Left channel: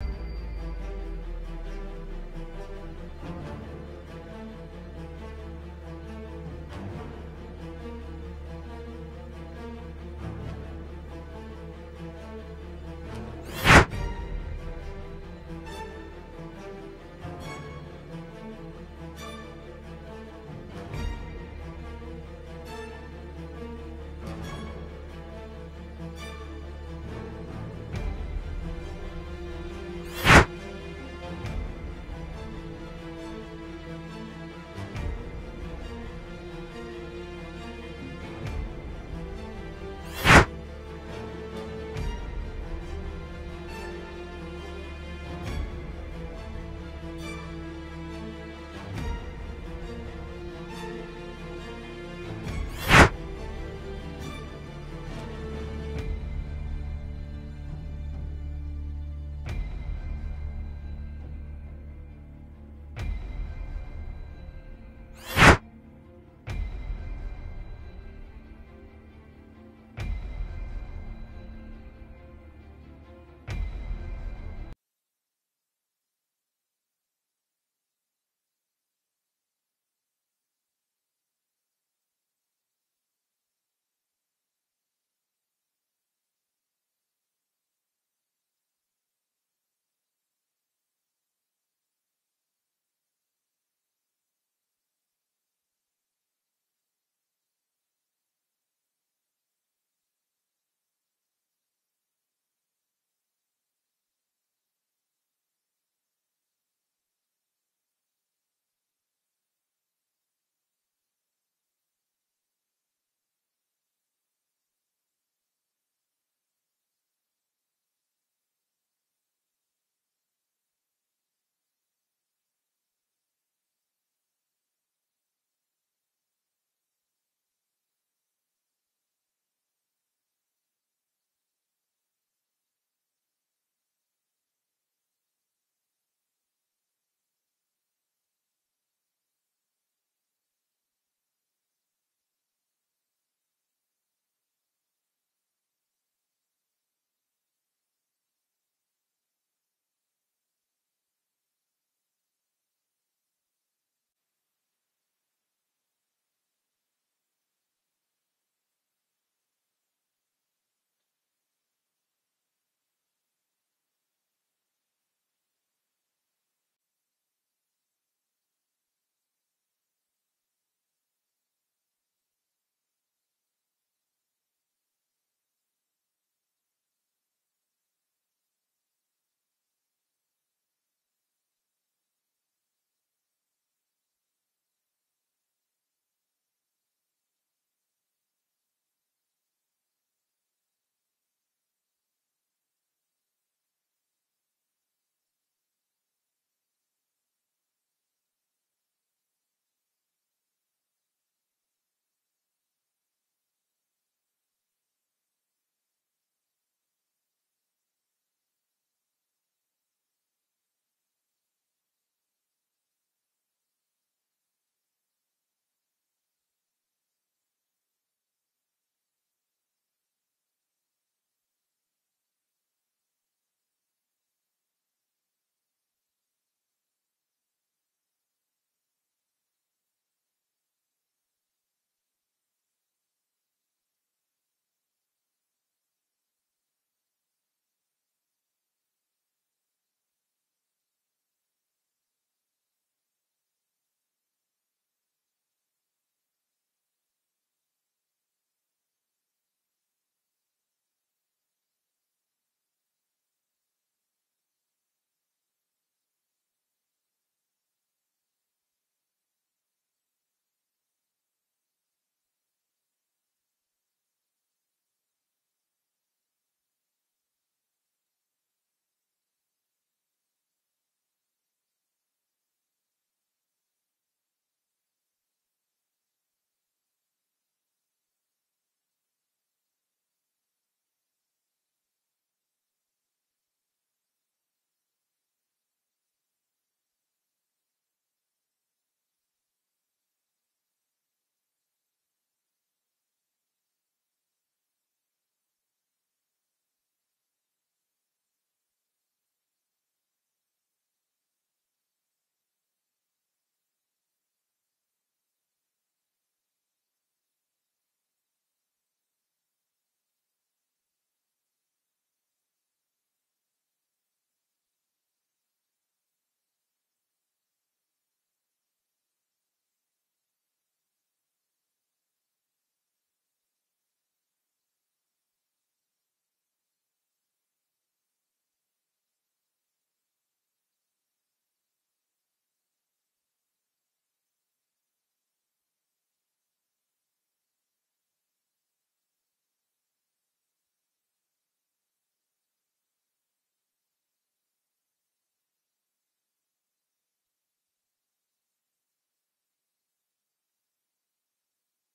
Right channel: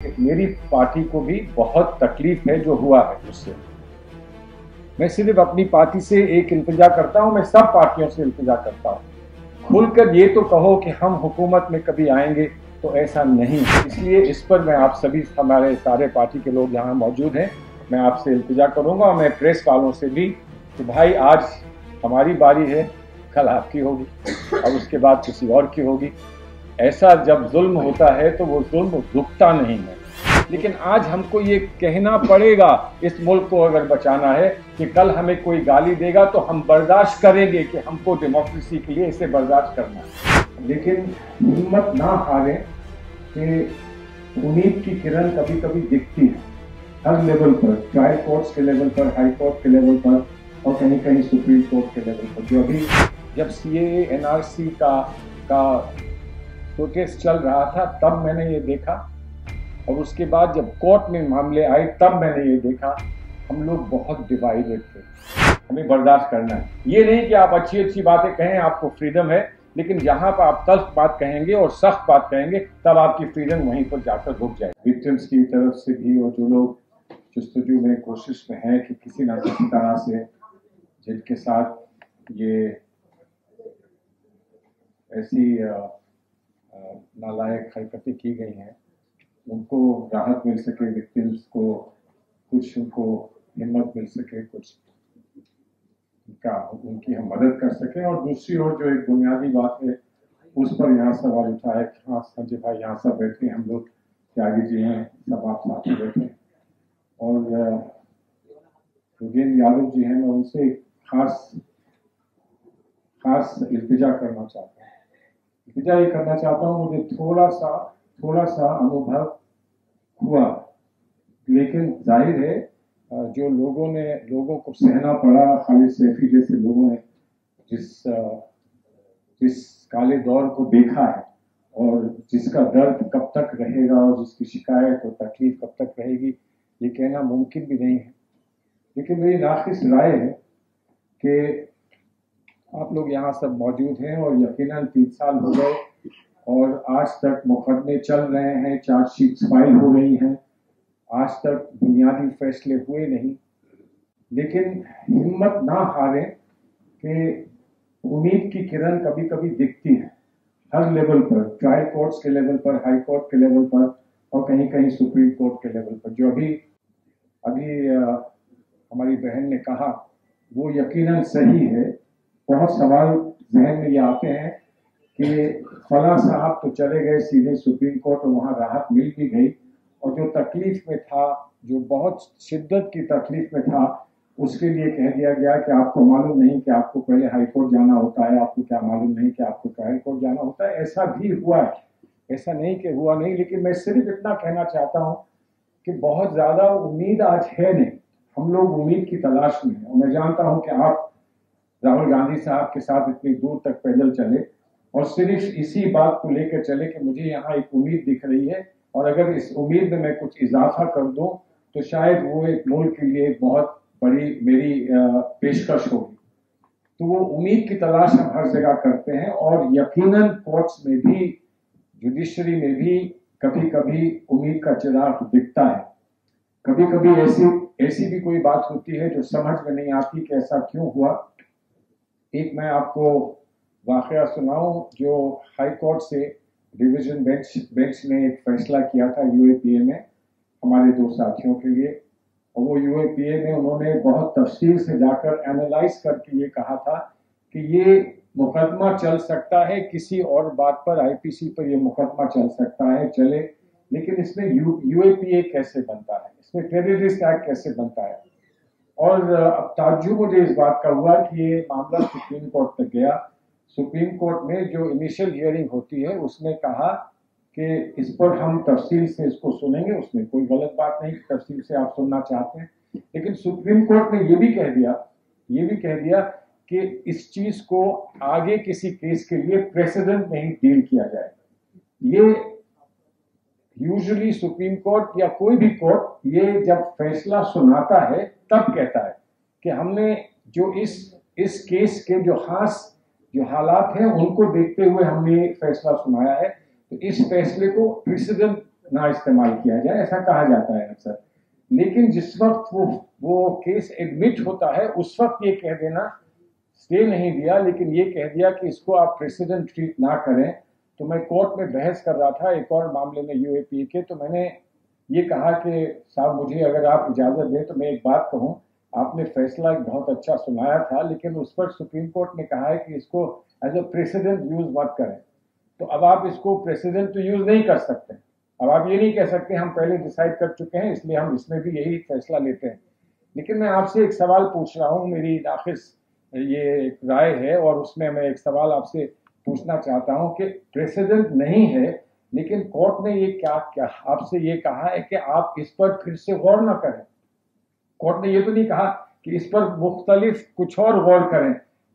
मेरी पार्टी को भी बहुत तकलीफ है जो हुआ है उससे। मैं सिर्फ अपनी पार्टी से एक इल्तिजा करता हूं, मैं सब पार्टियों से इल्तिजा करता हूं, खुलकर ये तो कहो कि हम हुकूमत में कभी आएंगे, तो ऐसा नहीं। इसलिए इस पर मैं आप सभी, हमारे सारे पार्टी के लोग यहाँ मौजूद हैं, मैं आपसे इल्तिजा करूंगा और मैं प्रेस वालों से भी कि भाई आज हमारी बारी है, कल आपकी होगी और उसके बाद किसी और की होगी। ऐसा जब जुल्म होता है तो वो जुल्म रुकता नहीं है। लेकिन आज हमको ये कहना पड़ेगा, इस मुल्क को अगर बचाना है, कि कल हमें कोई गाली देगा तो हम बर्दाश्त करेंगे कि हमको डेमोक्रेसी के लिए इसे बर्दाश्त करना है। लेकिन हिम्मत ना हारे कि उम्मीद की किरण कभी कभी दिखती है हर लेवल पर, ट्रायल कोर्ट्स के लेवल पर, हाई कोर्ट के लेवल पर और कहीं कहीं सुप्रीम कोर्ट के लेवल पर। जो अभी जब सीएए एनआरसी का प्रोटेस्ट चल रहा था तब मैंने ये देखा, और उसके बाद जब कोर्ट में मामले आए तब मैंने ये देखा हम लोग बहुत डिवाइडेड थे। हमें बर्दाश्त करना है। ये नहीं कि आप अच्छी अच्छी बातें कहें, आपको फ्रीडम है, लेकिन जहां पर आप तल्ख बात कहेंगे और सख्त बात कहेंगे तब आपकी फ्रीडम वहीं पर जाकर रुक जाएगी। विक्टिम्स की तरफ से भी और जो लोग जस्तजू में कोशिश में हैं कि किसी न किसी तरह से जिनके साथ ये ऐसी नालायक हरकतें की गई हैं उनको राहत मिल सके, विक्टिम्स को कुछ उनको हिम्मत मिल सके, कुछ उनकी हम मदद कर सकें। और दूसरी ओर जो एक बुनियादी बात है उस पर यहाँ सवाल उठा है कि हाँ संजय भाई यहाँ सब बैठे, हम लोग त्यागी जी हैं, सब आप साथ में बैठे, और योगेंद्र यादव जी हैं, मैं उनसे खास इल्तिजा करना चाहता हूँ। इल्तिजा ये करना चाहता हूँ, मुझे थोड़ा सा अनुभव हुआ, लेकिन जाहिर है जो लोगों को सहना पड़ा, खालिद सैफी जैसे लोगों ने जिस काले दौर को देखा है और जिसका दर्द कब तक रहेगा और जिसकी शिकायत और तकलीफ कब तक रहेगी, ये कहना मुमकिन भी नहीं है। लेकिन मेरी नाखिस राय है कि आप लोग यहाँ सब मौजूद हैं और यकीनन 3 साल हो गए और आज तक मुकदमे चल रहे हैं, चार्जशीट्स फाइल हो रही हैं, आज तक बुनियादी फैसले हुए नहीं। लेकिन हिम्मत ना हारें कि उम्मीद की किरण कभी कभी दिखती है हर लेवल पर, ट्रायल कोर्ट्स के लेवल पर, हाई कोर्ट के लेवल पर और कहीं कहीं सुप्रीम कोर्ट के लेवल पर। जो अभी हमारी बहन ने कहा वो यकीनन सही है। बहुत सवाल जहन में ये आते हैं कि फला साहब तो चले गए सीधे सुप्रीम कोर्ट और वहाँ राहत मिल भी गई, और जो तकलीफ में था, जो बहुत शिद्दत की तकलीफ में था, उसके लिए कह दिया गया कि आपको मालूम नहीं कि आपको पहले हाई कोर्ट जाना होता है, आपको क्या मालूम नहीं कि आपको ट्रायल कोर्ट जाना होता है। ऐसा भी हुआ है, ऐसा नहीं कि हुआ नहीं। लेकिन मैं सिर्फ इतना कहना चाहता हूँ कि बहुत ज़्यादा उम्मीद आज है नहीं, हम लोग उम्मीद की तलाश में हैं। और मैं जानता हूँ कि आप राहुल गांधी साहब के साथ इतनी दूर तक पैदल चले और सिर्फ इसी बात को लेकर चले कि मुझे यहाँ एक उम्मीद दिख रही है और अगर इस उम्मीद में मैं कुछ इजाफा कर दूं तो शायद वो एक मुल्क के लिए बहुत बड़ी मेरी पेशकश होगी। तो वो उम्मीद की तलाश हम हर जगह करते हैं और यकीनन कोर्ट्स में भी, जुडिशरी में भी कभी कभी उम्मीद का चिराग दिखता है। कभी कभी ऐसी भी कोई बात होती है जो समझ में नहीं आती कि ऐसा क्यों हुआ। एक मैं आपको वाकया सुनाऊं जो हाई कोर्ट से डिवीजन बेंच ने एक फैसला किया था यूएपीए में हमारे 2 साथियों के लिए, और वो यूएपीए में उन्होंने बहुत तफसील से जाकर एनालाइज करके ये कहा था कि ये मुकदमा चल सकता है किसी और बात पर, आईपीसी पर ये मुकदमा चल सकता है, चले, लेकिन इसमें यूएपीए कैसे बनता है, इसमें टेररिस्ट एक्ट कैसे बनता है। और अब ताज्जुब मुझे इस बात का हुआ कि ये मामला सुप्रीम कोर्ट तक गया। सुप्रीम कोर्ट में जो इनिशियल हियरिंग होती है उसने कहा कि इस पर हम तफसील से इसको सुनेंगे, उसमें कोई गलत बात नहीं, तफसील से आप सुनना चाहते हैं। लेकिन सुप्रीम कोर्ट ने ये भी कह दिया कि इस चीज को आगे किसी केस के लिए प्रेसिडेंट में ही डील किया जाए। ये यूजुअली सुप्रीम कोर्ट या कोई भी कोर्ट ये जब फैसला सुनाता है तब कहता है कि हमने जो इस केस के जो हालात हैं उनको देखते हुए हमने फैसला सुनाया है, तो इस फैसले को प्रेसिडेंट ना इस्तेमाल किया जाए, ऐसा कहा जाता है अक्सर। लेकिन जिस वक्त वो केस एडमिट होता है उस वक्त ये कह देना, स्टे नहीं दिया लेकिन ये कह दिया कि इसको आप प्रेसिडेंट ट्रीट ना करें। तो मैं कोर्ट में बहस कर रहा था एक और मामले में यूएपी के, तो मैंने ये कहा कि साहब मुझे अगर आप इजाजत दें तो मैं एक बात कहूं, आपने फैसला एक बहुत अच्छा सुनाया था लेकिन उस पर सुप्रीम कोर्ट ने कहा है कि इसको एज अ प्रेसिडेंट यूज मत करें। तो अब आप इसको प्रेसिडेंट तो यूज नहीं कर सकते, अब आप ये नहीं कह सकते हम पहले डिसाइड कर चुके हैं इसलिए हम इसमें भी यही फैसला लेते हैं। लेकिन मैं आपसे एक सवाल पूछ रहा हूं, मेरी नाखिस ये एक राय है और उसमें मैं एक सवाल आपसे पूछना चाहता हूं कि प्रेसिडेंट नहीं है लेकिन कोर्ट ने ये क्या क्या आपसे ये कहा है कि आप इस पर फिर से गौर ना करें। कोर्ट ने ये तो नहीं कहा कि इस पर मुख्तलिफ कुछ और गौर करें,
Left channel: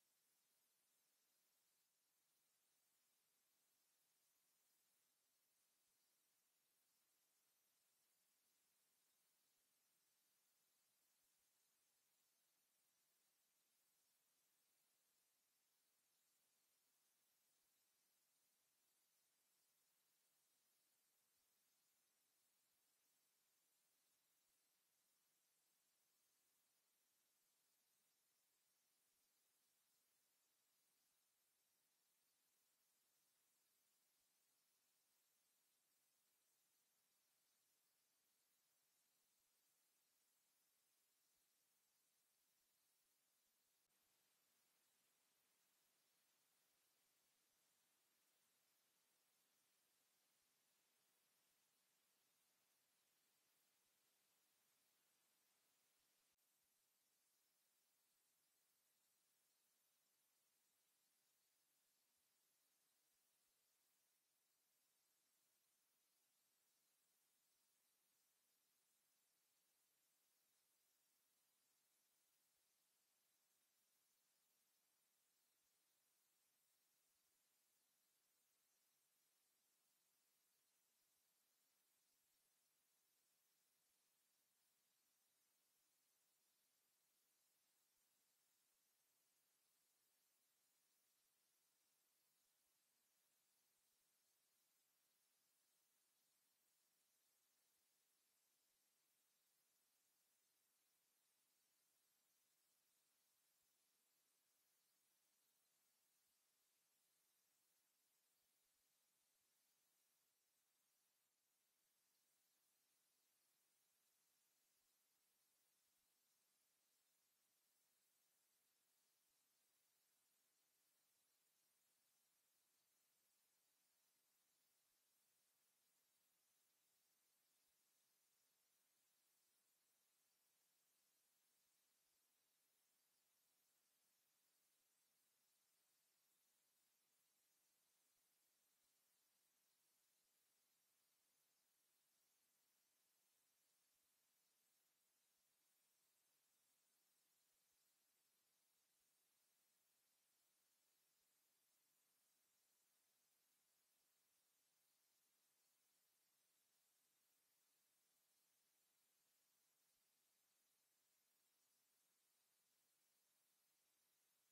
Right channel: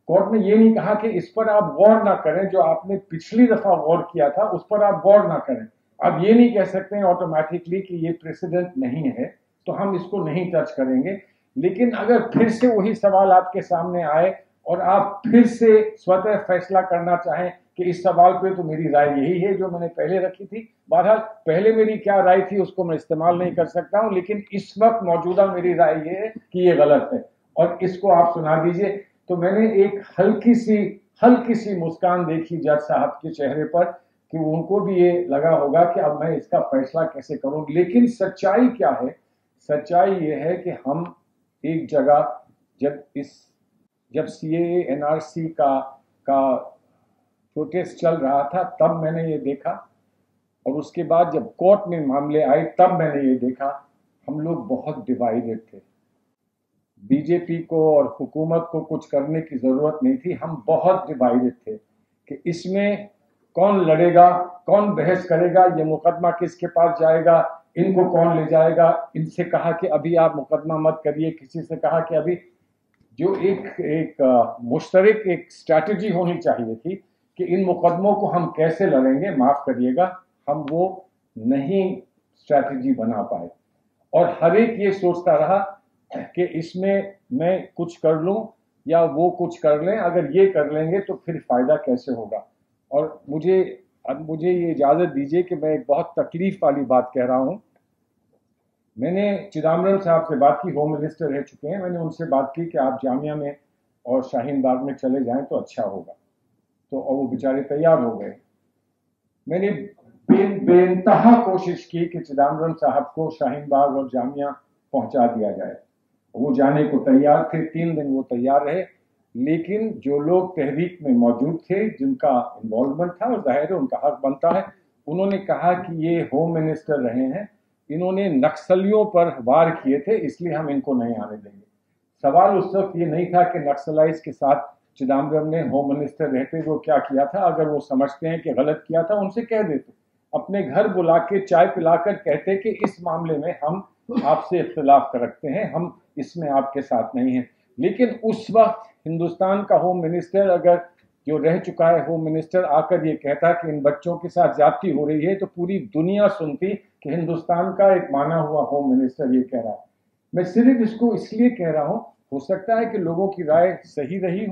कोर्ट ने ये नहीं कहा कि इस पर आप गौर ना करें, जो आपने पिछली दफा गौर किया था उस पर आप गौर ना करें। अब ये नहीं कह सकते हैं ऑटोमेटिकली कि ये प्रेसिडेंट नहीं है तो हम इसको नहीं टच करेंगे। लेकिन अगर फिर से वही सवाल आपके सामने आए और आप फिर से स्वतः फैसला करना चाहें कि इस सवाल पे तो मेरी राय यही है जो मैंने पहले रखी थी, बहरहाल पहले मेरी क्या राय थी उसको मैं इस्तेमाल नहीं कर सकता हूं, लेकिन इस वक्त मौजूदा मेरी राय ये है कि ये गलत है और इसको आप सुना दीजिए। तो मैंने एक हल्की सी मुस्कान देखी जज साहब के चेहरे पर कि उनको भी ये लगा होगा कि अब मैं इसका फैसला कैसे करूं। लेकिन सच्चाई क्या है? सच्चाई ये है कि हम एक जगह जब सीएए एनआरसी का प्रोटेस्ट चल रहा था तब मैंने ये देखा, और उसके बाद जब कोर्ट में मामले आए तब मैंने ये देखा हम लोग बहुत डिवाइडेड थे। बीजेपी को और हुकूमत को कुछ करने की जरूरत नहीं थी, हम बहुत डिवाइडेड थे कि इसमें कौन लड़ेगा, कौन बहस करेगा, ये मुकदमा किसके पास जाएगा, इनको कौन ले जाएगा। इनसे कहा कि अभी आप मुकदमा मत करिए, किसी से कहा कि अभी जो एक मुश्तरक एक स्ट्रैटेजी होनी चाहिए थी कि इन मुकदमों को हम कैसे लड़ेंगे, माफ करिएगा हम वो नहीं स्ट्रैटेजी बना पाए। और हर एक ये सोचता रहा कि इसमें मैं कुछ कर लूं या वो कुछ कर लें, अगर ये कर लेंगे तो फिर फायदा कैसे होगा। और मुझे ये इजाजत दीजिए कि मैं एक बहुत तकलीफ वाली बात कह रहा हूं। मैंने चिदम्बरम साहब से बात की, होम मिनिस्टर रह चुके हैं, मैंने उनसे बात की कि आप जामिया में और शाहीन बाग में चले जाएं तो अच्छा होगा, तो और वो बेचारे तैयार हो गए। मैंने बेइंतहा कोशिश की कि चिदम्बरम साहब को शाहीन बाग और जामिया पहुंचा दिया जाए, वो जाने को तैयार थे, 3 दिन वो तैयार रहे। लेकिन जो लोग तहरीक में मौजूद थे जिनका इन्वॉल्वमेंट था, और जाहिर है उनका हक बनता है, उन्होंने कहा कि ये होम मिनिस्टर रहे हैं, इन्होंने नक्सलियों पर वार किए थे इसलिए हम इनको नहीं आने देंगे। सवाल उस वक्त ये नहीं था कि नक्सलाइज के साथ चिदम्बरम ने होम मिनिस्टर रहते वो क्या किया था, अगर वो समझते हैं कि गलत किया था उनसे कह देते, अपने घर बुला के चाय पिलाकर कहते कि इस मामले में हम आपसे इख्तिलाफ रखते हैं, हम इसमें आपके साथ नहीं हैं। लेकिन उस वक्त हिंदुस्तान का होम मिनिस्टर, अगर जो रह चुका है होम मिनिस्टर, आकर ये कहता कि इन बच्चों के साथ ज्यादती हो रही है तो पूरी दुनिया सुनती कि हिंदुस्तान का एक माना हुआ होम मिनिस्टर ये कह रहा है। मैं सिर्फ इसको इसलिए कह रहा हूं, हो सकता है कि लोगों की राय सही रही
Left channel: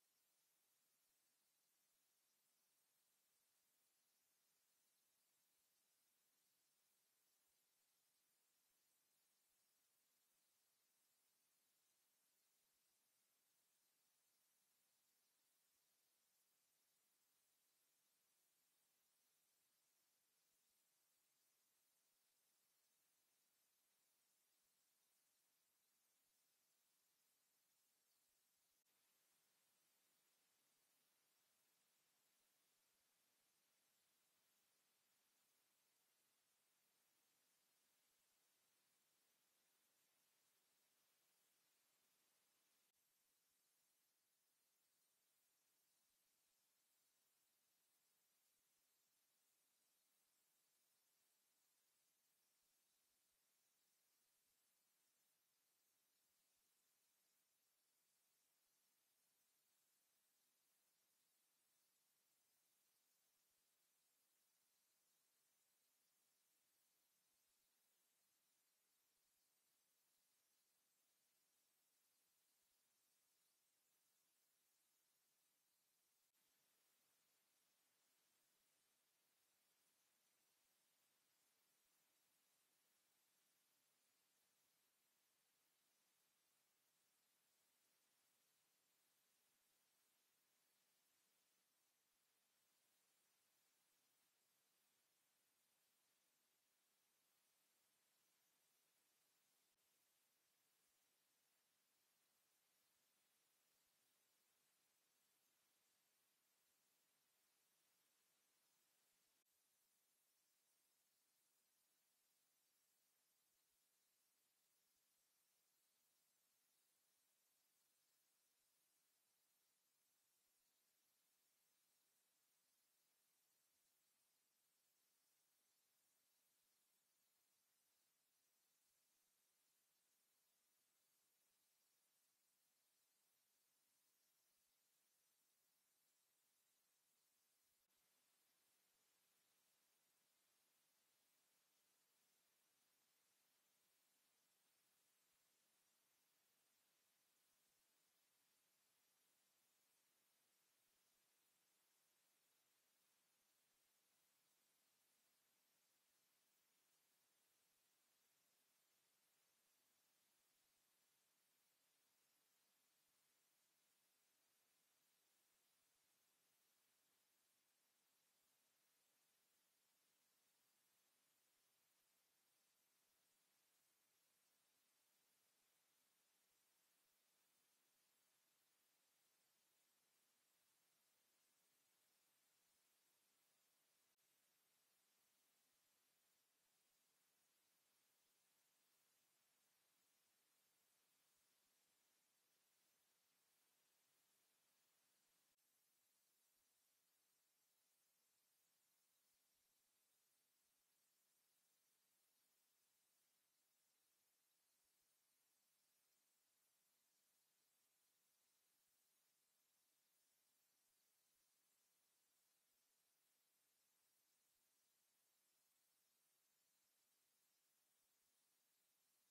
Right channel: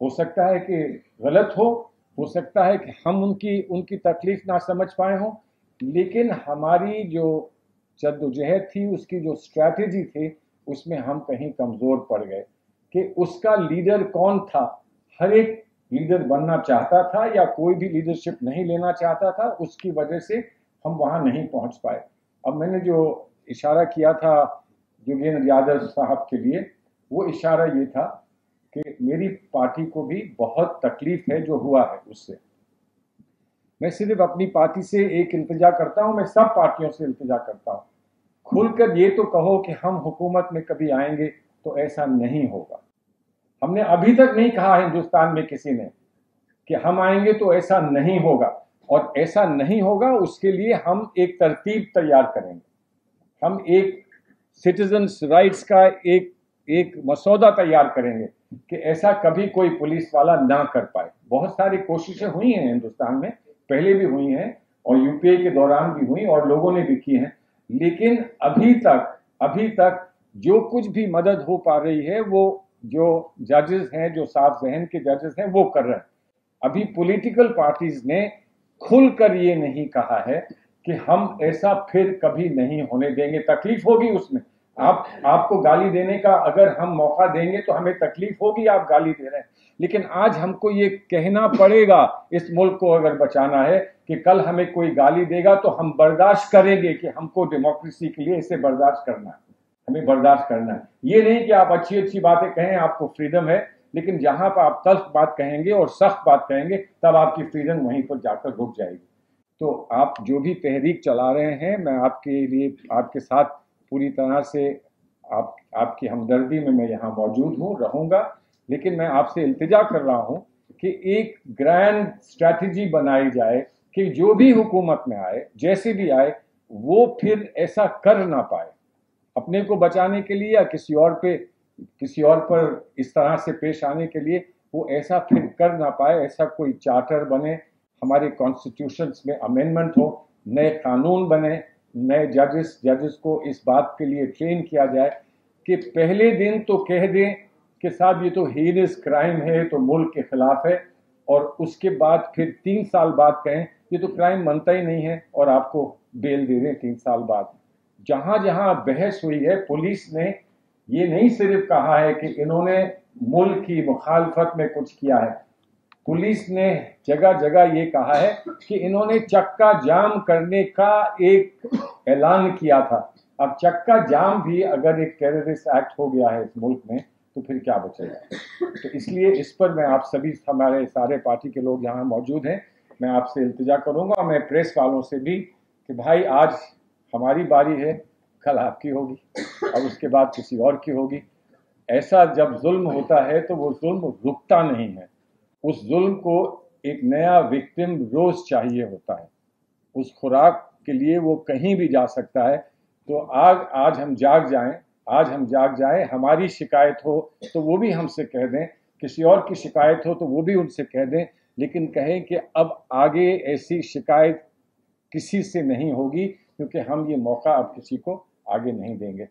हो सकता है कि गलत हो सकता है कि हम उनकी तकलीफ ना समझ पाए हों, लेकिन हमारी जो जद्दोजहद थी, उसकी जो स्ट्रैटेजी थी, उसमें हम कहीं कमजोर पड़ गए कि उसका लीडर कौन था। हर एक लीडर बनना चाहता था या कोई भी लीडरशिप नहीं लेना चाहता था, उसकी वजह से हम वहां नहीं पहुंच पाए। अब मैंने जो इशारा किया था योगेंद्र यादव साहब के लिए, वो इशारा ये था कि मेरी पार्टी को भी बहुत तकलीफ है जो हुआ है उससे। मैं सिर्फ अपनी पार्टी से एक इल्तिजा करता हूं, मैं सब पार्टियों से इल्तिजा करता हूं, खुलकर ये तो कहो कि हम हुकूमत में कभी आएंगे तो ऐसा नहीं होगा। हमने अभी तक नहीं कहा हिंदुस्तान में किसी ने कि हम आएंगे तो ऐसा नहीं होगा, और ऐसा नहीं होगा उसके लिए हम एक तरतीब तैयार करेंगे, हम एक सिटीजन्स राइट्स का एक मसौदा तैयार करेंगे कि ऐसा कभी कोई पुलिस वाला ना कर पाए। बहुत सारी कोशिशें हुई हैं हिंदुस्तान में, पहले भी हुई हैं और यूपीए के दौरान भी हुई और लोगों ने भी की हैं, लेकिन अभी तक जो कुछ भी मदद हो पा रही है वो जो जजेस हैं, जो साफ जहन के जजेस हैं, वो कर रहे हैं। अभी पॉलिटिकल पार्टीज ने खुलकर ये नहीं कहा है کہ ہم ایسا پھر کبھی نہیں ہونے دیں گے. تکلیف ہوگی اس میں, آپ کو گالی دینے کا اگر ہم موقع دیں گے تو ہمیں تکلیف ہوگی, آپ گالی دے رہے ہیں, لیکن آج ہم کو یہ کہنا پڑے گا اس ملک کو اگر بچانا ہے کہ کل ہمیں کوئی گالی دے گا تو ہم برداشت کریں گے کہ ہم کو ڈیموکریسی کے لیے اسے برداشت کرنا ہے, ہمیں برداشت کرنا ہے. یہ نہیں کہ آپ اچھی اچھی باتیں کہیں, آپ کو فریڈم ہے, لیکن جہاں پر آپ تلخ بات کہیں گے اور سخت بات کہیں گے تب آپ کی فریڈم وہیں پر جا کر رک جائے گی. تو آپ جو بھی تحریک چلا رہے ہیں, میں آپ کے لیے آپ کے ساتھ پوری طرح سے آپ کی ہمدردی میں یہاں موجود ہوں, رہوں گا, لیکن میں آپ سے التجا کر رہا ہوں کہ ایک گرینڈ اسٹریٹجی بنائی جائے کہ جو بھی حکومت میں آئے, جیسے بھی آئے, وہ پھر ایسا کر نہ پائے اپنے کو بچانے کے لیے یا کسی اور پر اس طرح سے پیش آنے کے لیے, وہ ایسا پھر کر نہ پائے. ایسا کوئی چارٹر بنے, ہمارے کانسٹیٹیوشنز میں امینڈمنٹ ہو, نئے قانون بنے, نئے ججز کو اس بات کے لیے ٹرین کیا جائے کہ پہلے دن تو کہہ دیں کہ صاحب یہ تو ہینس کرائم ہے, تو ملک کے خلاف ہے, اور اس کے بعد پھر 3 سال بعد کہیں یہ تو کرائم بنتا ہی نہیں ہے اور آپ کو بیل دے دیں 3 سال بعد. جہاں جہاں بحث ہوئی ہے, پولیس نے یہ نہیں صرف کہا ہے کہ انہوں نے ملک کی مخالفت میں کچھ کیا ہے, پولیس نے جگہ جگہ یہ کہا ہے کہ انہوں نے چکا جام کرنے کا ایک اعلان کیا تھا. اب چکا جام بھی اگر ایک ٹیررسٹ ایکٹ ہو گیا ہے اس ملک میں تو پھر کیا بچے گا. تو اس لیے اس پر میں آپ سبھی, ہمارے سارے پارٹی کے لوگ یہاں موجود ہیں, میں آپ سے التجا کروں گا, میں پریس والوں سے بھی, کہ بھائی آج ہماری باری ہے, کل آپ کی ہوگی, اور اس کے بعد کسی اور کی ہوگی. ایسا جب ظلم ہوتا ہے تو وہ ظلم رکتا نہیں ہے, اس ظلم کو ایک نیا وکٹم روز چاہیے ہوتا ہے, اس خوراک کے لیے وہ کہیں بھی جا سکتا ہے. تو آج ہم جاگ جائیں, ہماری شکایت ہو تو وہ بھی ہم سے کہہ دیں, کسی اور کی شکایت ہو تو وہ بھی ان سے کہہ دیں, لیکن کہیں کہ اب آگے ایسی شکایت کسی سے نہیں ہوگی, کیونکہ ہم یہ موقع اب کسی کو آگے نہیں دیں گے.